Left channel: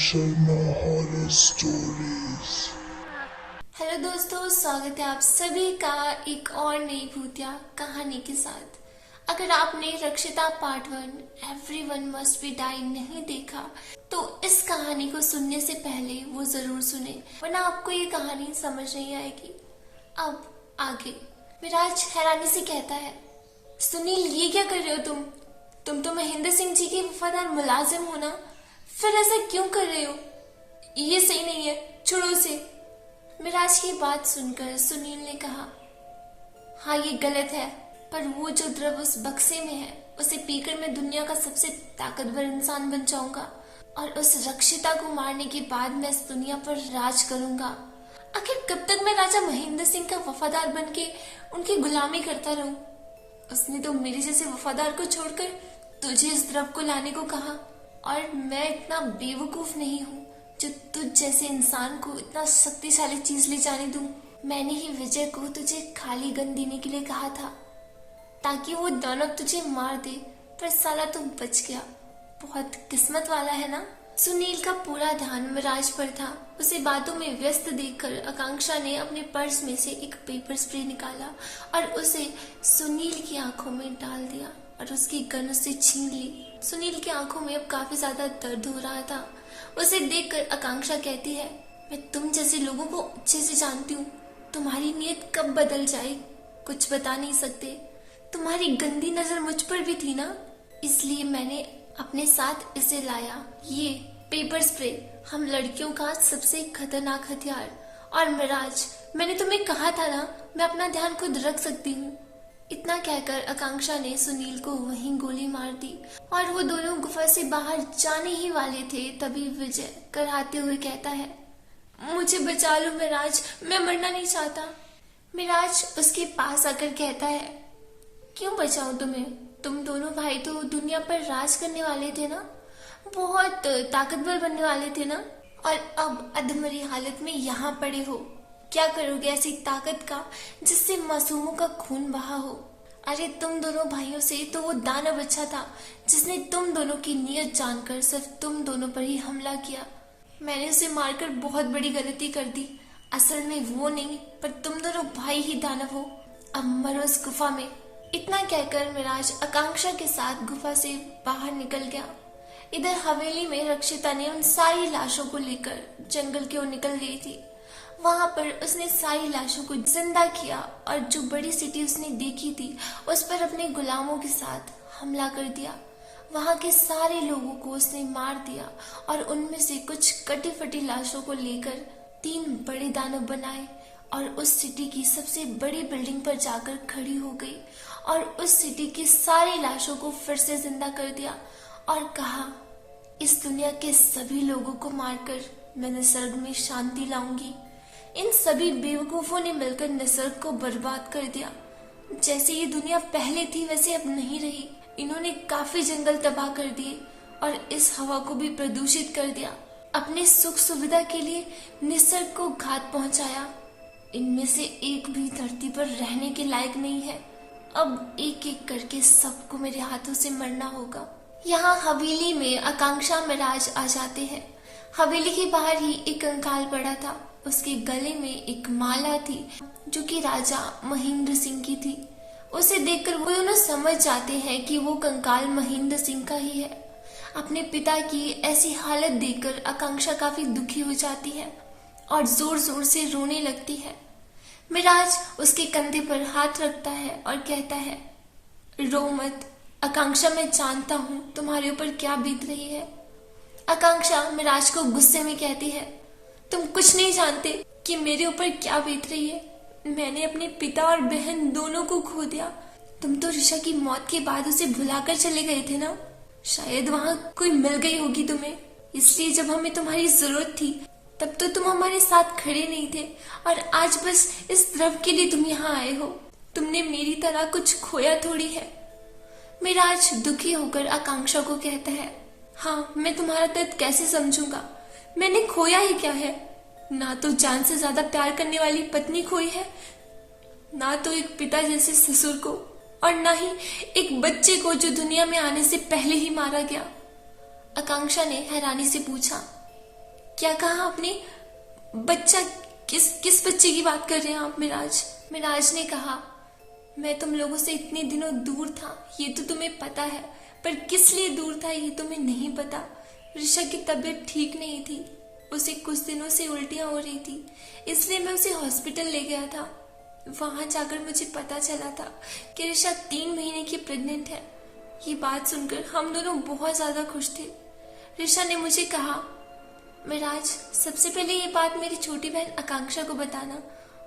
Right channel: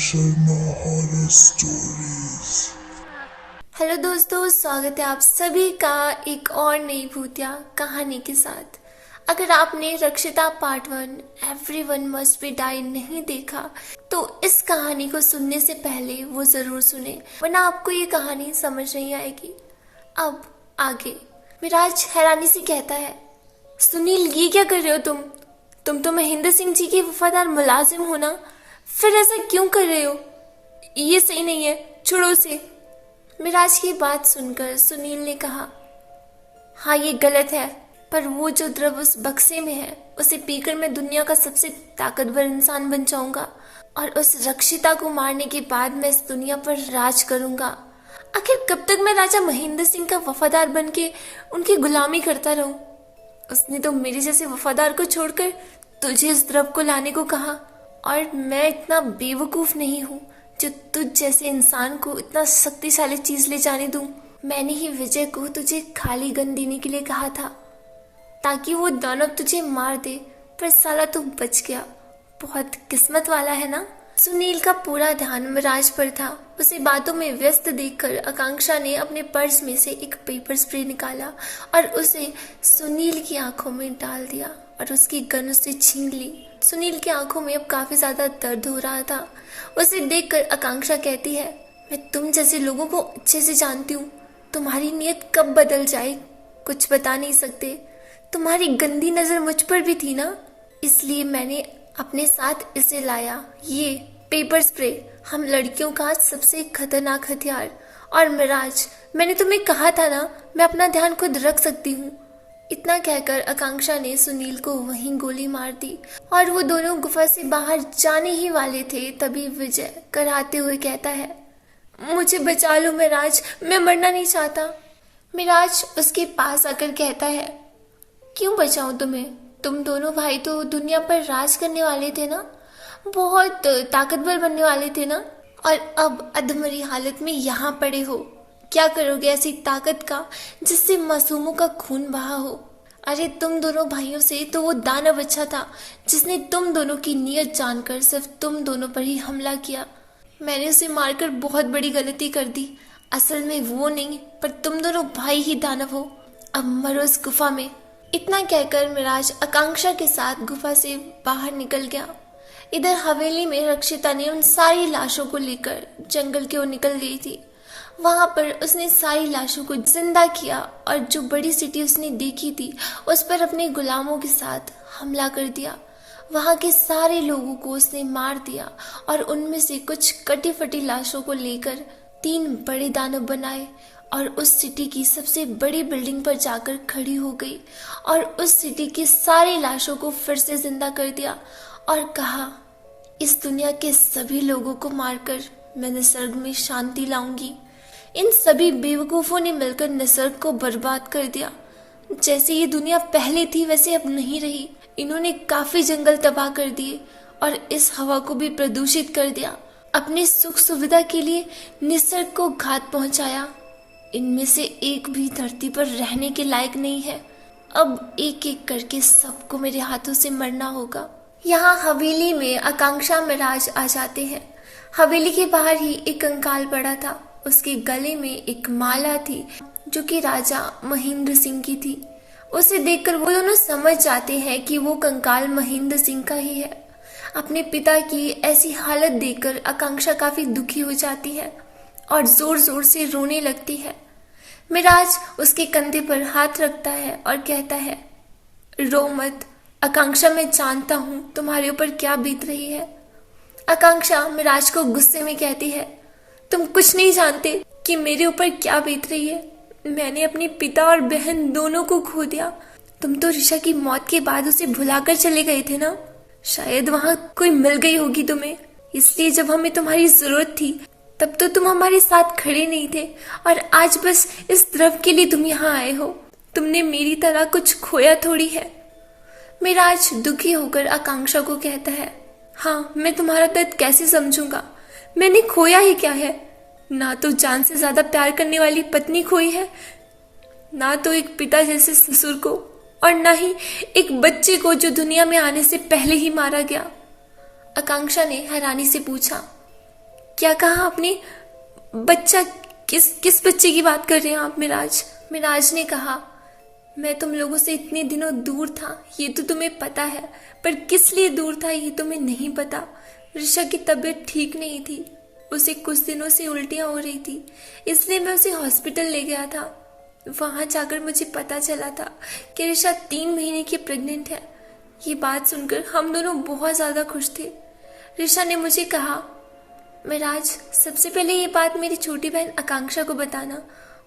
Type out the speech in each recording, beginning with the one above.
Sharma horror stories. Hello दोस्तों, स्वागत है आप सभी का एक और नई भूतिया कहानी के साथ। अगर आपने Rakshita part 1 everyone must be die नहीं देखा तो इस कहानी को सुनने से पहले वो जरूर सुने, वरना आपको ये कहानी समझ नहीं आएगी। अब आगे विराज हैरानी से कहता है, सुनील ये क्या कर रहे हो तुम तो महेंद्र सिंह जी के वफादार मुलाजिम हो ना, फिर ऐसा क्यों कर रहे हो? ये सही नहीं है, छोड़ो उसे। मिराज की बात सुनकर सुनील ने कहा, हाँ ये गलत है, पर वो जो द्रव उस बक्से में है उसे पीकर मैं दुनिया का सबसे ताकतवर इंसान बन जाऊंगा और उस रक्षिता को मारने के बाद मैं इस दुनिया पर राज करूंगा। आखिर कब तक मैं राजा महेंद्र सिंह का वफादार बन के उनकी गुलामी करता रहूं? उसने तो मेरे जैसे वफादार को छोड़कर तुझे इस द्रव को लाने को कहा, और मैं इतना बेवकूफ नहीं हूँ जो तुझ जैसे इंसान को इतना शक्तिशाली चीज ले जाने दूं। मैंने ही विजय को तुझे खाली गन देने के लिए कहा था ताकि वो दानव तुझे मार दे, पर साला तू बच गया। बहुत किस्मत वाला है ना। सुनील का पूरा ध्यान मिराज पर था। उसे बातों में व्यस्त देखकर आकांक्षा ने अपने पर्स में से एक पेपर स्प्रे निकाला और उसे सुनील की आंखों में डाल दिया और उसकी गन उससे छीन ली। सुनील की आंखों में अब काफी ज्यादा दर्द हो रहा था। उसे देखकर आकांक्षा कहती है, मैं तुम जैसे लोगों को अच्छे से जानती हूँ। तुम्हारी नीयत कब बदल जाए कुछ बता नहीं सकते। तुम्हारी गंदी नजर मुझ पर भी थी ना, इसलिए मैंने अपने साथ इसे लाया, ये पेपर स्प्रे, हम लड़कियों का सबसे खतरनाक हथियार। और मिराज, मैंने तुम्हें कहा था ना, मैं अपना ध्यान खुद रख सकती हूँ। इतना कहकर आकांक्षा ने सुनील को वहीं गोली मार दी और वो दोनों गुफा से बाहर जाने ही वाले थे, तभी विजय कराते हुए कहता है, मुझे बचा लो मिराज, मैं मरना नहीं चाहता। मिराज उसके पास आकर कहता है, क्यों बचाऊं तुम्हें? तुम दोनों भाई तो दुनिया पर राज करने वाले थे ना, बहुत ताकतवर बनने वाले थे ना, और अब अधमरी हालत में यहाँ पड़े हो। क्या करोगे ऐसी ताकत का जिससे मासूमों का खून बहा हो? अरे तुम दोनों भाइयों से तो वो दानव अच्छा था जिसने तुम दोनों की नीयत जानकर सिर्फ तुम दोनों पर ही हमला किया। मैंने उसे मारकर बहुत बड़ी गलती कर दी। असल में वो नहीं, पर तुम दोनों भाई ही दानव हो। अब मरो इस गुफा में। इतना कहकर मिराज आकांक्षा के साथ गुफा से बाहर निकल गया। इधर हवेली में रक्षिता ने उन सारी लाशों को लेकर जंगल की ओर निकल गई थी। वहां पर उसने सारी लाशों को जिंदा किया और जो बड़ी सिटी उसने देखी थी उस पर अपने गुलामों के साथ हमला कर दिया। वहां के सारे लोगों को उसने मार दिया और उनमें से कुछ कटी फटी लाशों को लेकर 3 बड़े दानव बनाए और उस सिटी की सबसे बड़ी बिल्डिंग पर जाकर खड़ी हो गई और उस सिटी की सारी लाशों को फिर से जिंदा कर दिया और कहा, इस दुनिया के सभी लोगों को मारकर मैं निसर्ग में शांति लाऊंगी। इन सभी बेवकूफों ने मिलकर निसर्ग को बर्बाद कर दिया। जैसे ये दुनिया पहले थी वैसे अब नहीं रही। इन्होंने काफी जंगल तबाह कर दिए और इस हवा को भी प्रदूषित कर दिया। अपने सुख सुविधा के लिए निसर्ग को घात पहुंचाया। इनमें से एक भी धरती पर रहने के लायक नहीं है। अब एक एक करके सबको मेरे हाथों से मरना होगा। यहाँ हवेली में आकांक्षा मिराज आ जाते हैं। हवेली के बाहर ही एक कंकाल पड़ा था। उसके गले में एक माला थी जो कि राजा महेंद्र सिंह की थी। उसे देखकर वो दोनों समझ जाते हैं कि वो कंकाल महेंद्र सिंह का ही है। अपने पिता की ऐसी हालत देखकर आकांक्षा काफी दुखी हो जाती है और जोर जोर से रोने लगती है। मिराज उसके कंधे पर हाथ रखता है और कहता है, रो मत आकांक्षा, मैं जानता हूँ तुम्हारे ऊपर क्या बीत रही है। आकांक्षा मिराज को गुस्से में कहती है, तुम कुछ नहीं जानते कि मेरे ऊपर क्या बीत रही है। मैंने अपने पिता और बहन दोनों को खो दिया। तुम तो ऋषा की मौत के बाद उसे भुलाकर चले गए थे ना। शायद वहां कोई मिल गई होगी तुम्हें, इसलिए जब हमें तुम्हारी जरूरत थी तब तो तुम हमारे साथ खड़े नहीं थे, और आज बस इस द्रव के लिए तुम यहाँ आए हो। तुमने मेरी तरह कुछ खोया थोड़ी है। मिराज दुखी होकर आकांक्षा को कहता है, हाँ मैं तुम्हारा दर्द कैसे समझूंगा। मैंने खोया ही क्या है? ना तो जान से ज्यादा प्यार करने वाली पत्नी खोई है, ना तो एक पिता जैसे ससुर को, और ना ही एक बच्चे को जो दुनिया में आने से पहले ही मारा गया। आकांक्षा ने हैरानी से पूछा, क्या कहा आपने? बच्चा? किस बच्चे की बात कर रहे हैं आप मिराज? मिराज ने कहा, मैं तुम लोगों से इतने दिनों दूर था ये तो तुम्हें पता है, पर किस लिए दूर था ये तुम्हें नहीं पता। ऋषा की तबीयत ठीक नहीं थी, उसे कुछ दिनों से उल्टियां हो रही थी, इसलिए मैं उसे हॉस्पिटल ले गया था। वहां जाकर मुझे पता चला था कि ऋषा 3 महीने की प्रेग्नेंट है। ये बात सुनकर हम दोनों बहुत ज्यादा खुश थे। ऋषा ने मुझे कहा, मिराज, सबसे पहले ये बात मेरी छोटी बहन आकांक्षा को बताना,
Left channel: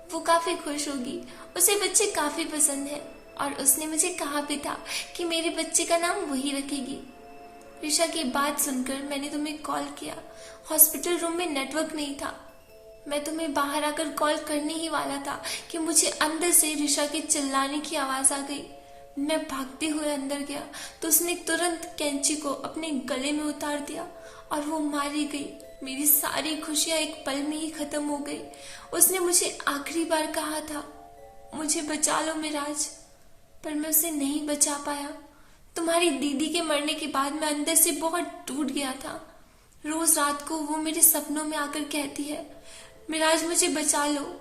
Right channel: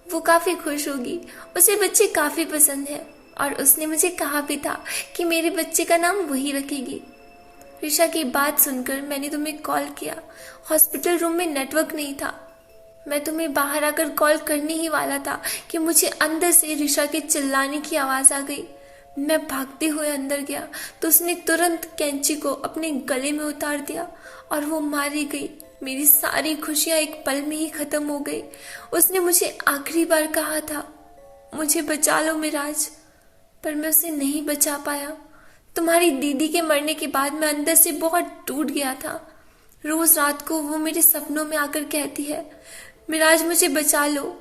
वो काफी खुश होगी, उसे बच्चे काफी पसंद है और उसने मुझे कहा भी था कि मेरे बच्चे का नाम वही रखेगी। ऋषा की बात सुनकर मैंने तुम्हें कॉल किया, हॉस्पिटल रूम में नेटवर्क नहीं था। मैं तुम्हें बाहर आकर कॉल करने ही वाला था कि मुझे अंदर से ऋषा के चिल्लाने की आवाज आ गई। मैं भागते हुए अंदर गया तो उसने तुरंत कैंची को अपने गले में उतार दिया और वो मारी गई। मेरी सारी खुशियां एक पल में ही खत्म हो गई। उसने मुझे आखिरी बार कहा था, मुझे बचा लो मिराज, पर मैं उसे नहीं बचा पाया। तुम्हारी दीदी के मरने के बाद मैं अंदर से बहुत टूट गया था। रोज रात को वो मेरे सपनों में आकर कहती है, मिराज मुझे बचा लो।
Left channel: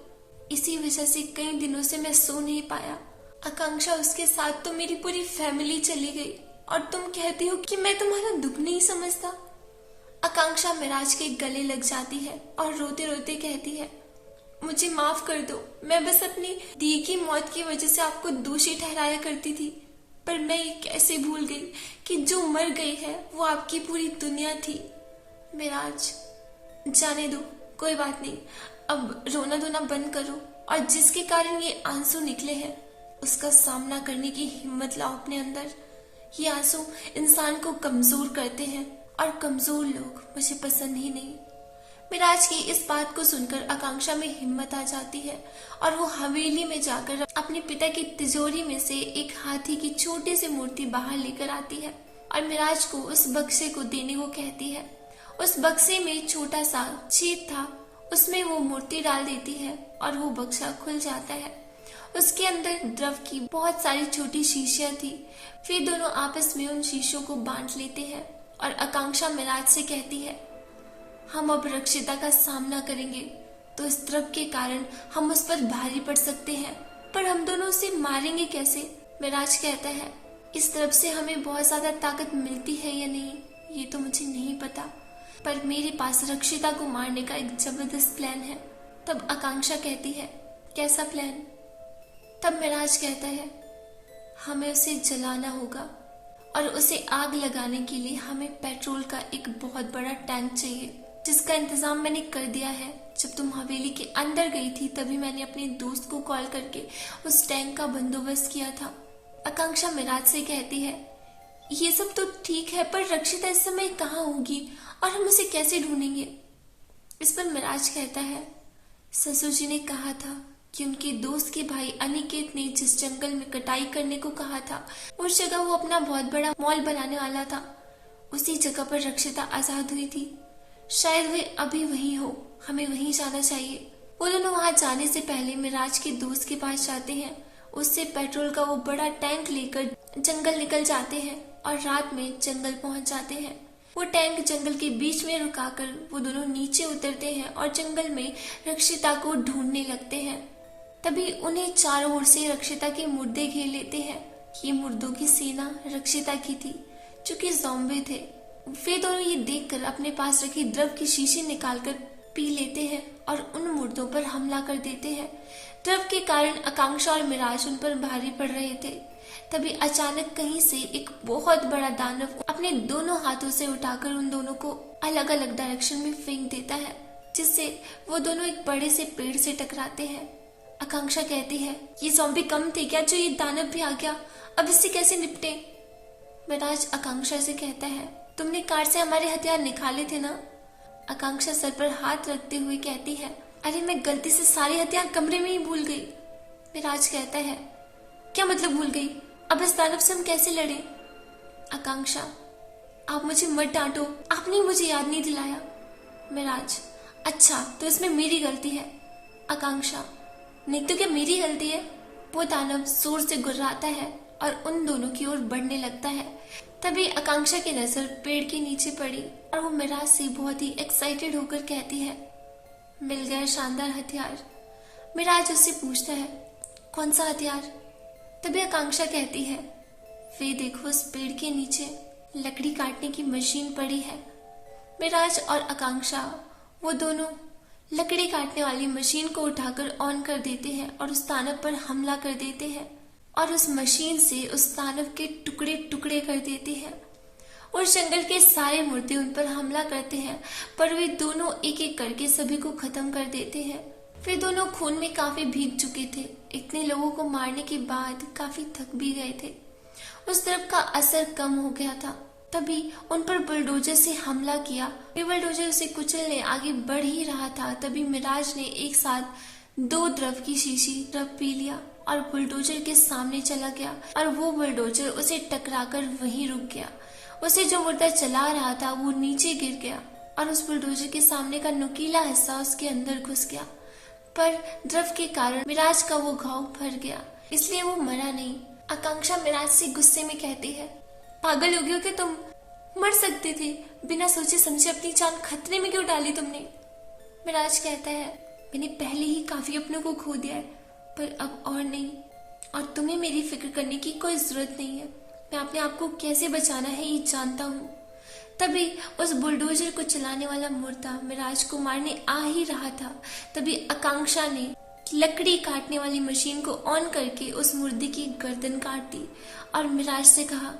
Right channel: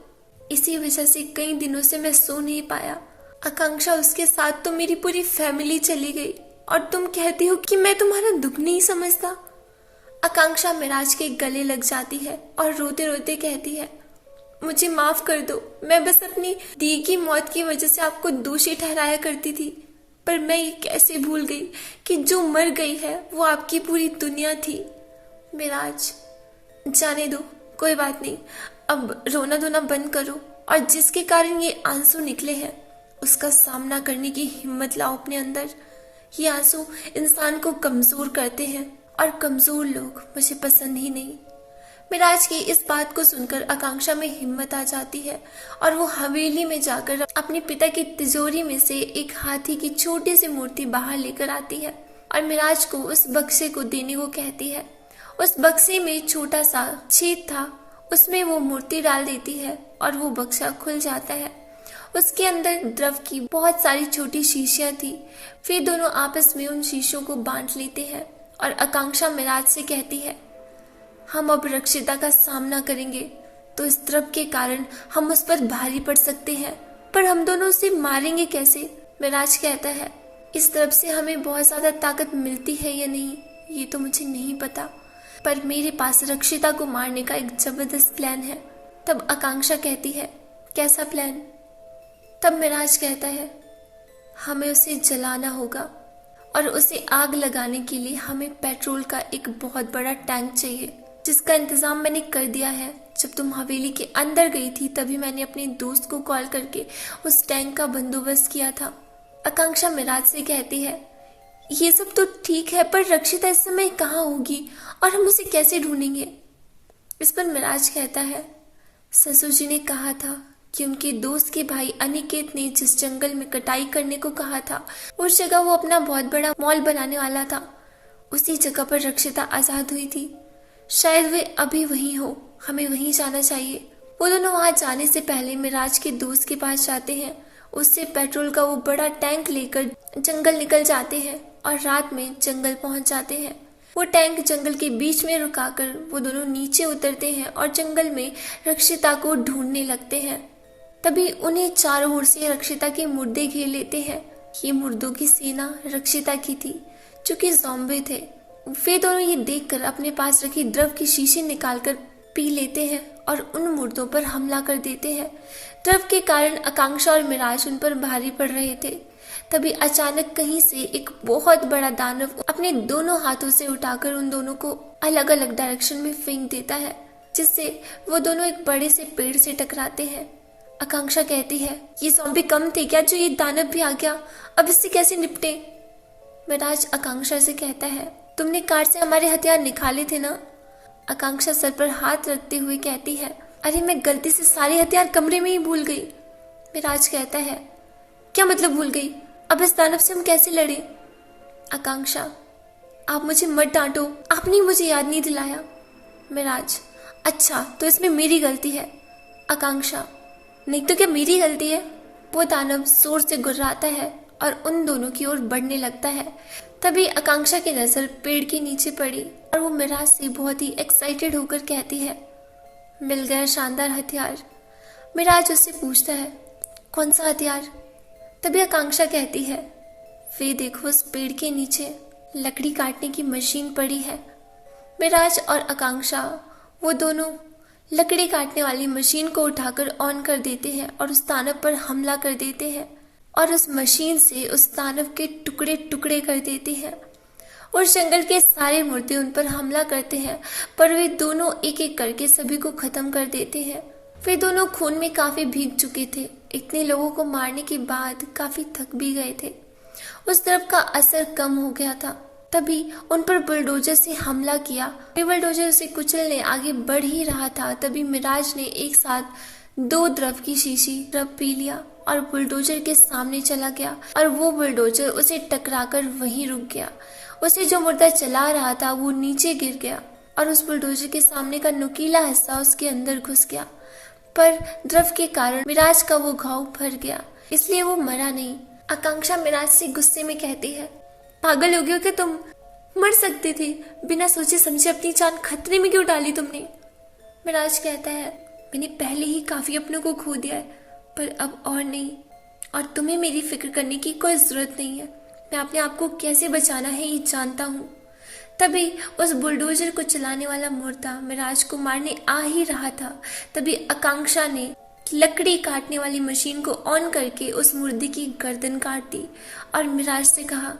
इसी वजह से कई दिनों से मैं सो नहीं पाया। आकांक्षा, उसके साथ तो मेरी पूरी फैमिली चली गई और तुम कहती हो कि मैं तुम्हारा दुख नहीं समझता। आकांक्षा मिराज के गले लग जाती है और रोते रोते कहती है, मुझे माफ कर दो, मैं बस अपनी दी की मौत की वजह से आपको दोषी ठहराया करती थी, पर मैं ये कैसे भूल गई कि जो मर गई है वो आपकी पूरी दुनिया थी। मिराज, जाने दो, कोई बात नहीं, अब रोना धोना बंद करो और जिसके कारण ये आंसू निकले हैं उसका सामना करने की हिम्मत लाओ अपने अंदर। ये आंसू इंसान को कमजोर करते हैं और कमजोर लोग मुझे पसंद ही नहीं। मिराज की इस बात को सुनकर आकांक्षा में हिम्मत आ जाती है और वो हवेली में जाकर अपने पिता की तिजोरी में से एक हाथी की छोटी सी मूर्ति बाहर लेकर आती है और मिराज को उस बक्से को देने को कहती है। उस बक्से में छोटा सा छेद था, उसमें वो मूर्ति डाल देती है और वो बक्सा खुल जाता है। उसके अंदर द्रव की बहुत सारी छोटी शीशियां थी। फिर दोनों आपस में उन शीशों को बांट लेते हैं और आकांक्षा मिराज से कहती है, हम अब रक्षिता का सामना करेंगे तो इस द्रव के कारण हम उस पर भारी पड़ सकते हैं, पर हम दोनों उसे मारेंगे कैसे? मिराज कहता है, इस द्रव से हमें बहुत ज्यादा ताकत मिलती है या नहीं ये तो मुझे नहीं पता, पर मेरे पास रक्षिता को मारने का एक जबरदस्त प्लान है। तब आकांक्षा कहती है, कैसा प्लान? तब मिराज कहता है, हमें उसे जलाना होगा और उसे आग लगाने के लिए हमें पेट्रोल का एक बहुत बड़ा टैंक चाहिए, जिसका इंतजाम मैंने कर दिया है। जब तुम हवेली के अंदर गई थी तभी मैंने अपने दोस्त को कॉल करके उस टैंक का बंदोबस्त किया था। आकांक्षा मिराज से कहती है, ये सब तो ठीक है, पर रक्षिता इस समय कहाँ होगी और हम उसे कैसे ढूंढेंगे? इस पर मिराज कहता है, ससुर जी ने कहा था कि उनके दोस्त के भाई अनिकेत ने जिस जंगल में कटाई करने को कहा था उस जगह वो अपना बहुत बड़ा मॉल बनाने वाला था। उसी जगह पर रक्षिता आजाद हुई थी, शायद वे अभी वहीं हो, हमें वहीं जाना चाहिए। वो दोनों वहां जाने से पहले मिराज के दोस्त के पास जाते हैं, उससे पेट्रोल का वो बड़ा टैंक लेकर जंगल निकल जाते हैं और रात में जंगल पहुंच जाते हैं। वो टैंक जंगल के बीच में रुकाकर वो दोनों नीचे उतरते हैं और जंगल में रक्षिता को ढूंढने लगते हैं। तभी उन्हें चारों ओर से रक्षिता के मुर्दे घेर लेते हैं। ये मुर्दों की सेना रक्षिता की थी, जो कि ज़ॉम्बी थे। वे दोनों ये देखकर अपने पास रखी द्रव की शीशी निकालकर पी लेते हैं और उन मुर्दों पर हमला कर देते हैं। द्रव के कारण आकांक्षा और मिराज उन पर भारी पड़ रहे थे। तभी अचानक कहीं से एक बहुत बड़ा दानव अपने दोनों हाथों से उठाकर उन दोनों को अलग अलग डायरेक्शन में फेंक देता है, जिससे वो दोनों एक बड़े से पेड़ से टकराते हैं। आकांक्षा कहती है, ये ज़ॉम्बी कम थे क्या जो ये दानव भी आ गया, अब इससे कैसे निपटे? मिराज आकांक्षा से कहता है, तुमने कार से हमारे हथियार निकाले थे ना? आकांक्षा सर पर हाथ रखते हुए कहती है, अरे मैं गलती से सारे हथियार कमरे में ही भूल गई। मिराज कहता है, क्या मतलब भूल गई? अब इस दानव से हम कैसे लड़े? आकांक्षा, आप मुझे मत डांटो, आपने मुझे याद नहीं दिलाया। मिराज, अच्छा तो इसमें मेरी गलती है। आकांक्षा, नहीं तो क्या मेरी गलती है? वो दानव जोर से गुर्राता है और उन दोनों की ओर बढ़ने लगता है। तभी आकांक्षा की नजर पेड़ के नीचे पड़ी और वो मिराज से बहुत ही एक्साइटेड होकर कहती है, मिल गया शानदार हथियार। मिराज उससे पूछता है, कौन सा हथियार? तभी आकांक्षा कहती है, वे देखो उस पेड़ के नीचे लकड़ी काटने की मशीन पड़ी है। मिराज और आकांक्षा वो दोनों लकड़ी काटने वाली मशीन को उठाकर ऑन कर देते हैं और उस दानव पर हमला कर देते हैं और उस मशीन से उस दानव के टुकड़े टुकड़े कर देते हैं। उस जंगल के सारे मुर्दे उन पर हमला करते हैं, पर वे दोनों एक एक करके सभी को खत्म कर देते हैं। वे दोनों खून में काफी भीग चुके थे। इतने लोगों को मारने के बाद काफी थक भी गए थे। उस द्रव का असर कम हो गया था। तभी उन पर बुलडोजर से हमला किया। वे बुलडोजर से कुचलने आगे बढ़ ही रहा था, तभी मिराज ने एक साथ 2 द्रव की शीशी द्रव पी लिया और बुलडोजर के सामने चला गया और वो बुलडोजर उसे टकराकर वहीं रुक गया। उसे जो मुर्दा चला रहा था वो नीचे गिर गया और उस बुलडोजर के सामने का नुकीला हिस्सा उसके अंदर घुस गया, पर द्रव के कारण मिराज का वो घाव भर गया, इसलिए वो मरा नहीं। आकांक्षा मिराज से गुस्से में कहती है, पागल हो गए हो क्या तुम? मर सकती थी, बिना सोचे समझे अपनी जान खतरे में क्यों डाली तुमने? मिराज कहता है, मैंने पहले ही काफी अपनों को खो दिया है, पर अब और नहीं, और तुम्हें मेरी फिक्र करने की कोई जरूरत नहीं है। मैं अपने आप को कैसे बचाना है ये जानता हूँ। तभी उस बुलडोजर को चलाने वाला मुर्दा मिराज को मारने आ ही रहा था। तभी आकांक्षा ने लकड़ी काटने वाली मशीन को ऑन करके उस मुर्दे की गर्दन काट दी और मिराज से कहा,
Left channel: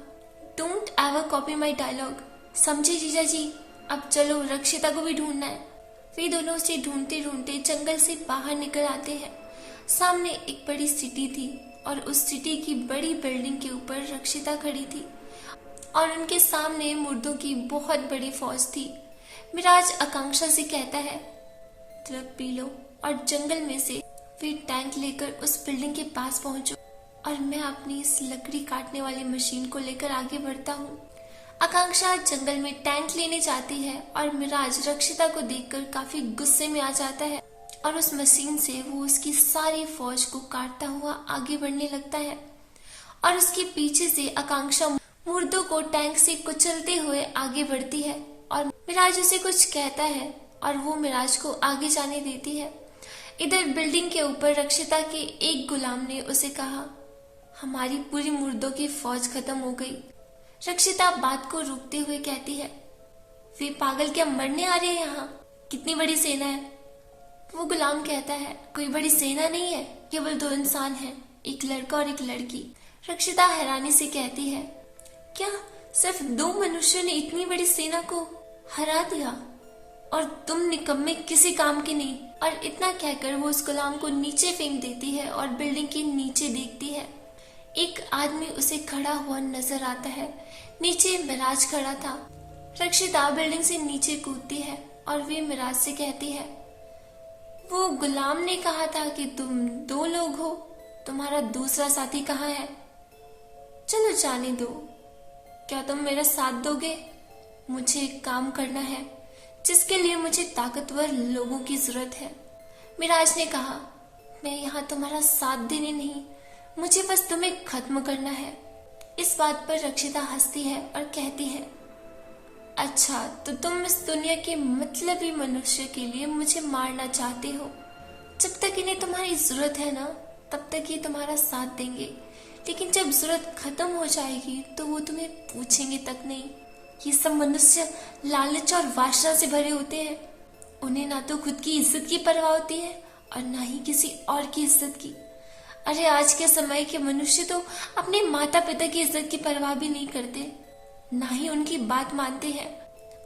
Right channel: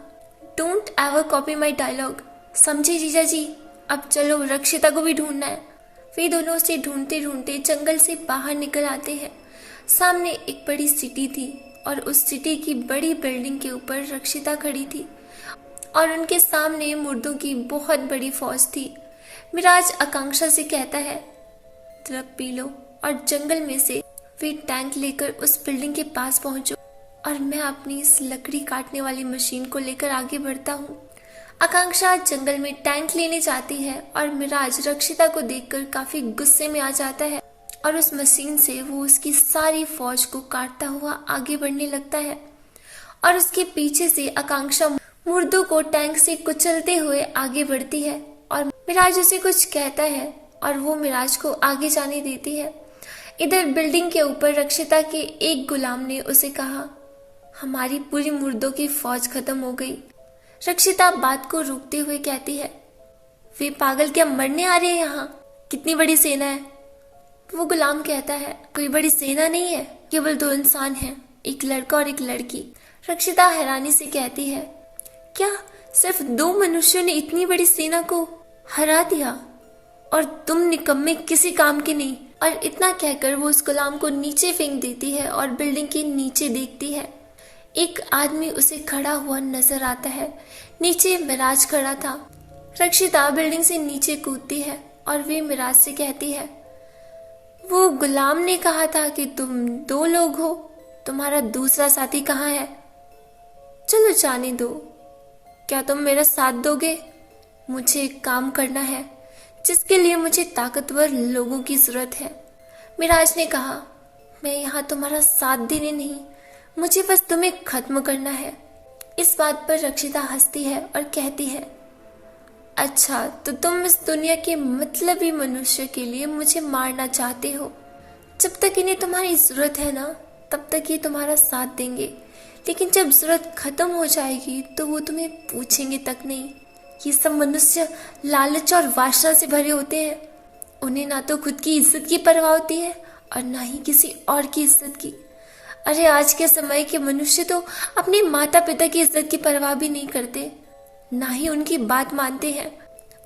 don't ever copy my dialogue, समझे जीजा जी? अब चलो, रक्षिता को भी ढूंढना है। वे दोनों उसे ढूंढते ढूंढते जंगल से बाहर निकल आते हैं। सामने एक बड़ी सिटी थी और उस सिटी की बड़ी बिल्डिंग के ऊपर रक्षिता खड़ी थी और उनके सामने मुर्दों की बहुत बड़ी फौज थी। मिराज आकांक्षा से कहता है, द्रव पी लो और जंगल में से वे टैंक लेकर उस बिल्डिंग के पास पहुंचो और मैं अपनी इस लकड़ी काटने वाली मशीन को लेकर आगे बढ़ता हूँ। आकांक्षा जंगल में टैंक लेने जाती है और मिराज रक्षिता को देखकर काफी गुस्से में आ जाता है और उस मशीन से वो उसकी सारी फौज को काटता हुआ आगे बढ़ने लगता है और उसके पीछे से आकांक्षा मुर्दों को टैंक से कुचलते हुए आगे बढ़ती है और मिराज उसे कुछ कहता है और वो मिराज को आगे जाने देती है। इधर बिल्डिंग के ऊपर रक्षिता के एक गुलाम ने उसे कहा, हमारी पूरी मुर्दों की फौज खत्म हो गई। रक्षिता बात को रोकते हुए कहती है, वे पागल क्या मरने आ रहे हैं यहाँ? कितनी बड़ी सेना है? वो गुलाम कहता है, कोई बड़ी सेना नहीं है, केवल 2 इंसान हैं, एक लड़का और एक लड़की। रक्षिता हैरानी से कहती है, क्या सिर्फ 2 मनुष्यों ने इतनी बड़ी सेना को हरा दिया और तुम निकम्मे किसी काम के नहीं? और इतना कहकर वो उस गुलाम को नीचे फेंक देती है और बिल्डिंग के नीचे देखती है। एक आदमी उसे खड़ा हुआ नजर आता है। नीचे मिराज खड़ा था। रक्षिता बिल्डिंग से नीचे कूदती है और वे मिराज से कहती है, वो गुलाम ने कहा था कि तुम 2 लोग हो, तुम्हारा दूसरा साथी कहाँ है? चलो जाने दो, क्या तुम मेरा साथ दोगे? मुझे एक काम करना है जिसके लिए मुझे ताकतवर लोगों की जरूरत है। मिराज ने कहा, मैं यहाँ तुम्हारा साथ देने नहीं, मुझे बस तुम्हें खत्म करना है। इस बात पर रक्षिता हंसती है और कहती है, अच्छा तो तुम इस दुनिया के मतलबी मनुष्य के लिए मुझे मारना चाहते हो। जब तक इन्हें तुम्हारी जरूरत है ना, तब तक ये तुम्हारा साथ देंगे, लेकिन जब जरूरत खत्म हो जाएगी तो वो तुम्हें पूछेंगे तक नहीं। ये सब मनुष्य लालच और वासना से भरे होते हैं। उन्हें ना तो खुद की इज्जत की परवाह होती है और ना ही किसी और की इज्जत की। अरे आज के समय के मनुष्य तो अपने माता पिता की इज्जत की परवाह भी नहीं करते, ना ही उनकी बात मानते हैं।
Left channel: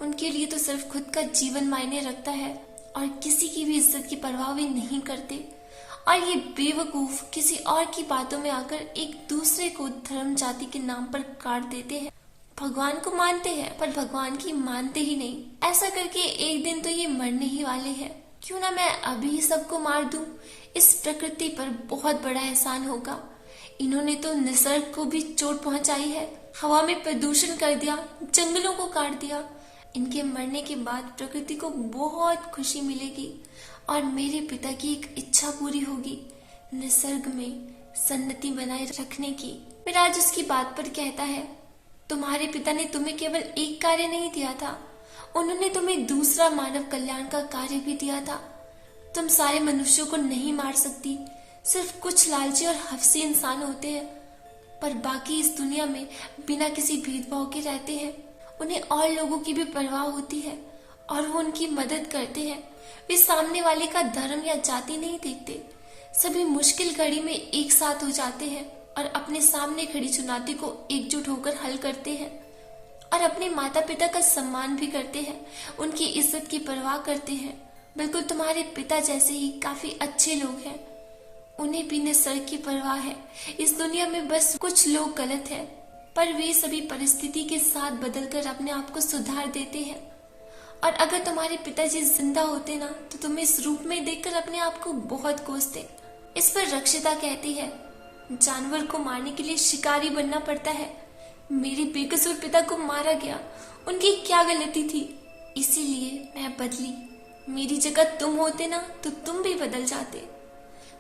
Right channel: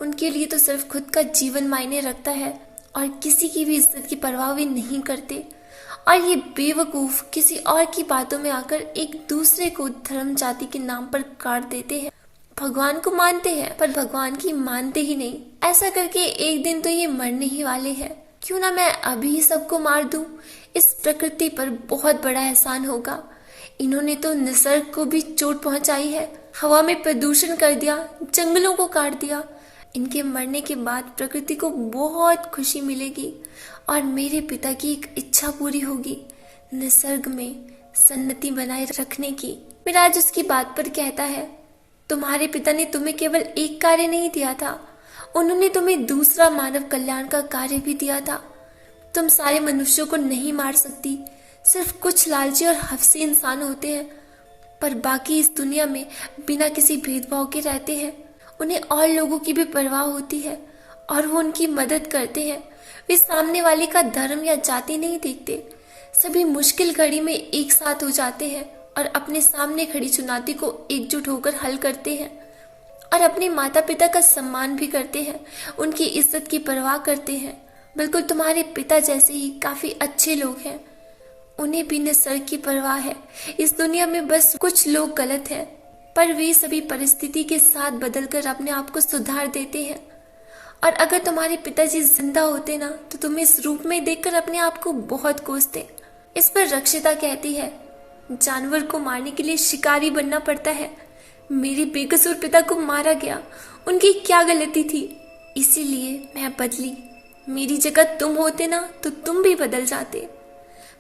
उनके लिए तो सिर्फ खुद का जीवन मायने रखता है और किसी की भी इज्जत की परवाह वे नहीं करते। और ये बेवकूफ किसी और की बातों में आकर एक दूसरे को धर्म जाति के नाम पर काट देते हैं। भगवान को मानते हैं पर भगवान की मानते ही नहीं। ऐसा करके एक दिन तो ये मरने ही वाले हैं। क्यों ना मैं अभी ही सबको मार दूं? इस प्रकृति पर बहुत बड़ा एहसान होगा। इन्होंने तो निसर्ग को भी चोट पहुंचाई है, हवा में प्रदूषण कर दिया, जंगलों को काट दिया। इनके मरने के बाद प्रकृति को बहुत खुशी मिलेगी और मेरे पिता की एक इच्छा पूरी होगी, निसर्ग में सन्नति बनाए रखने की। मिराज उसकी बात पर कहता है, तुम्हारे पिता ने तुम्हें केवल एक कार्य नहीं दिया था, उन्होंने तुम्हें दूसरा मानव कल्याण का कार्य भी दिया था। तुम सारे मनुष्यों को नहीं मार सकती, सिर्फ कुछ लालची और हफ्सी इंसान होते हैं, पर बाकी इस दुनिया में बिना किसी भेदभाव के रहते हैं। उन्हें और लोगों की भी परवाह होती है और वो उनकी मदद करते हैं। वे सामने वाले का धर्म या जाति नहीं देखते, सभी मुश्किल घड़ी में एक साथ हो जाते हैं और अपने सामने खड़ी चुनौती को एकजुट होकर हल करते हैं और अपने माता पिता का सम्मान भी करते हैं, उनकी इज्जत की परवाह करते हैं। बिल्कुल तुम्हारे पिता जैसे ही काफी अच्छे लोग हैं, उन्हें भी न सर की परवाह है। इस दुनिया में बस कुछ लोग गलत हैं, पर वे सभी परिस्थिति के साथ बदलकर अपने आप को सुधार देते हैं। और अगर तुम्हारे पिताजी जिंदा होते ना, तो तुम्हें इस रूप में देखकर अपने आप को बहुत कोसते। इस पर रक्षिता कहती है, जानवर को मारने के लिए शिकारी बनना पड़ता है। मेरे बेकसूर पिता को मारा गया, उनकी क्या गलती थी, इसीलिए मैं बदली। मेरी जगह तुम होते ना, तो तुम भी बदल जाते।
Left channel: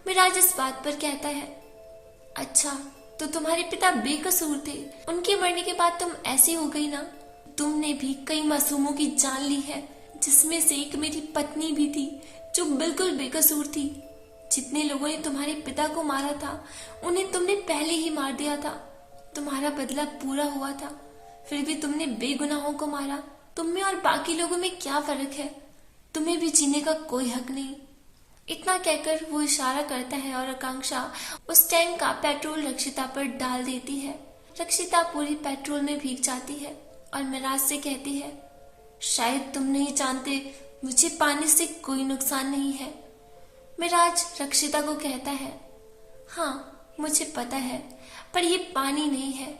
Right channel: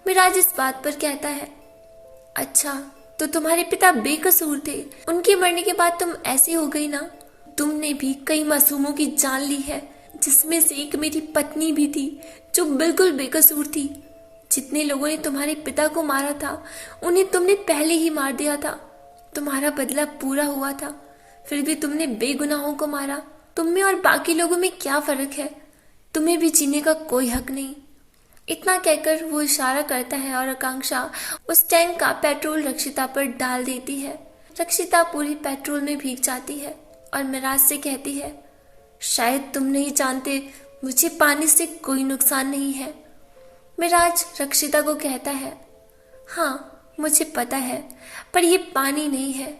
मिराज इस बात पर कहता है, अच्छा तो तुम्हारे पिता बेकसूर थे, उनके मरने के बाद तुम ऐसी हो गई ना। तुमने भी कई मासूमों की जान ली है, जिसमें से एक मेरी पत्नी भी थी जो बिल्कुल बेकसूर थी। जितने लोगों ने तुम्हारे पिता को मारा था, उन्हें तुमने पहले ही मार दिया था। तुम्हारा बदला पूरा हुआ था, फिर भी तुमने बेगुनाहों को मारा। तुम में और बाकी लोगों में क्या फर्क है? तुम्हें भी जीने का कोई हक नहीं। इतना कहकर वो इशारा करता है और आकांक्षा उस टैंक का पेट्रोल रक्षिता पर डाल देती है। रक्षिता पूरी पेट्रोल में भीग जाती है और मिराज से कहती है, शायद तुम नहीं जानते, मुझे पानी से कोई नुकसान नहीं है। मिराज रक्षिता को कहता है, हाँ मुझे पता है, पर ये पानी नहीं है।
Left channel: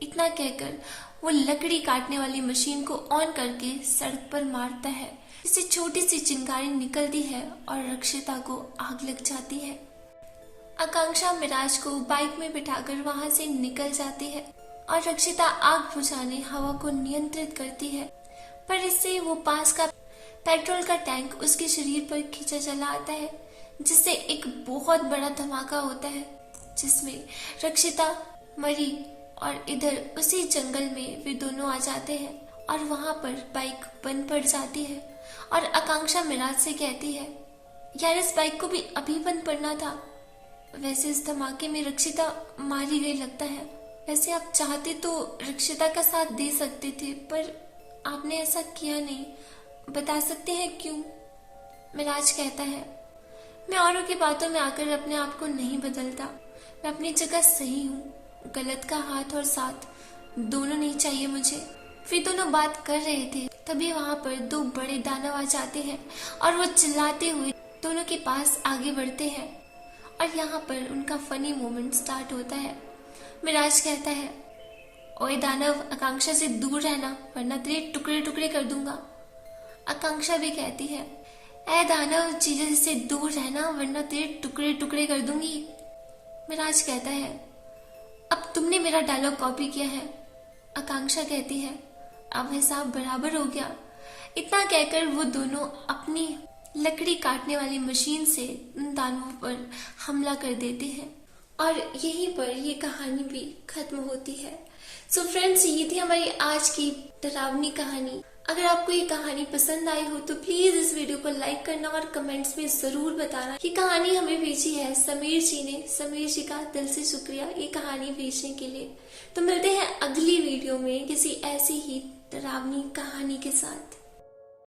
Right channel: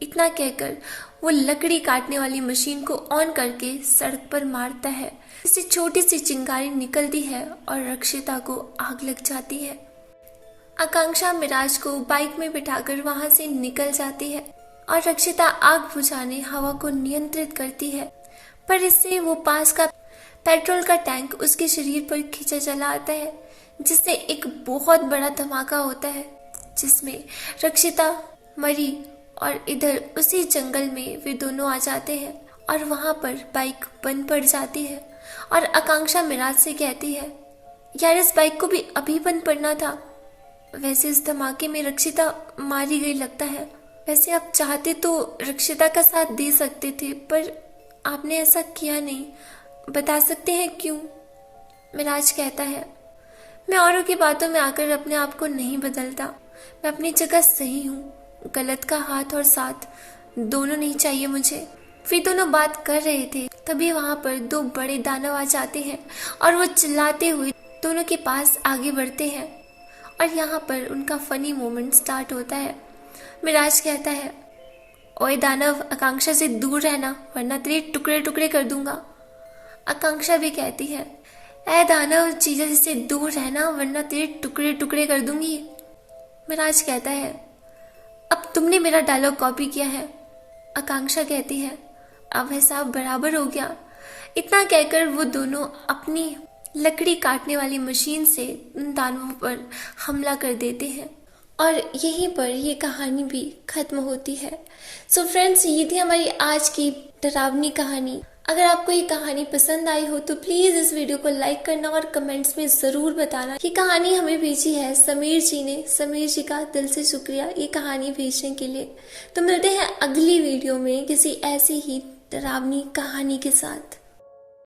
इतना कहकर वो लकड़ी काटने वाली मशीन को ऑन करके सड़क पर मारता है। इससे छोटी सी चिंगारी निकलती है और रक्षिता को आग लग जाती है। आकांक्षा मिराज को बाइक में बिठाकर वहां से निकल जाती है और रक्षिता आग बुझाने हवा को नियंत्रित करती है, पर इससे वो पास का पेट्रोल का टैंक उसके शरीर पर खींचा चला आता है, जिससे एक बहुत बड़ा धमाका होता है, जिसमें रक्षिता मरी और इधर उसी जंगल में वे दोनों आ जाते हैं और वहां पर बाइक बंद पड़ जाती है। और आकांक्षा मिराज से कहती है, यार इस बाइक को भी अभी बंद पड़ना था। वैसे इस धमाके में रक्षिता मारी गई लगता है। वैसे आप चाहते तो रक्षिता का साथ दे सकते थे, पर आपने ऐसा किया नहीं। बता सकते हैं क्यों? मिराज कहता है, मैं औरों की बातों में आकर अपने आप को नहीं बदलता। मैं अपनी जगह सही हूँ। गलत का हाथ और साथ दोनों नहीं चाहिए मुझे। वे दोनों बात कर रहे थे, तभी वहां पर दो बड़े दानव आ जाते हैं और वो चिल्लाते हुए दोनों के पास आगे बढ़ते हैं और यहाँ पर उनका फनी मोमेंट स्टार्ट होता है। मिराज कहता है, ओए दानव, आकांक्षा से दूर रहना वरना तेरे टुकड़े टुकड़े कर दूंगा। आकांक्षा भी कहती है, ऐ दानव, जीजा से दूर रहना वरना तेरे टुकड़े टुकड़े कर दूंगी। मिराज कहता है, अब तुमने मेरा डायलॉग कॉपी किया है। आकांक्षा कहती है, अब हिसाब बराबर हो गया। इतना कहकर वो दोनों अपनी लकड़ी काटने वाली मशीन से उन दानवों पर हमला कर देते हैं और यहीं पर ये कहानी भी खत्म होती है। सो फ्रेंड्स, ये थी हमारी आज की डरावनी कहानी। अगर आपको ये कहानी पसंद आई हो तो प्लीज इस वीडियो को लाइक करना और कमेंट्स में जरूर बताना। ये कहानी हमें भेजी है समीर जी ने। समीर जी का दिल से शुक्रिया ये कहानी भेजने के लिए। तो मिलते हैं अगली वीडियो में किसी ऐसी ही डरावनी कहानी के साथ।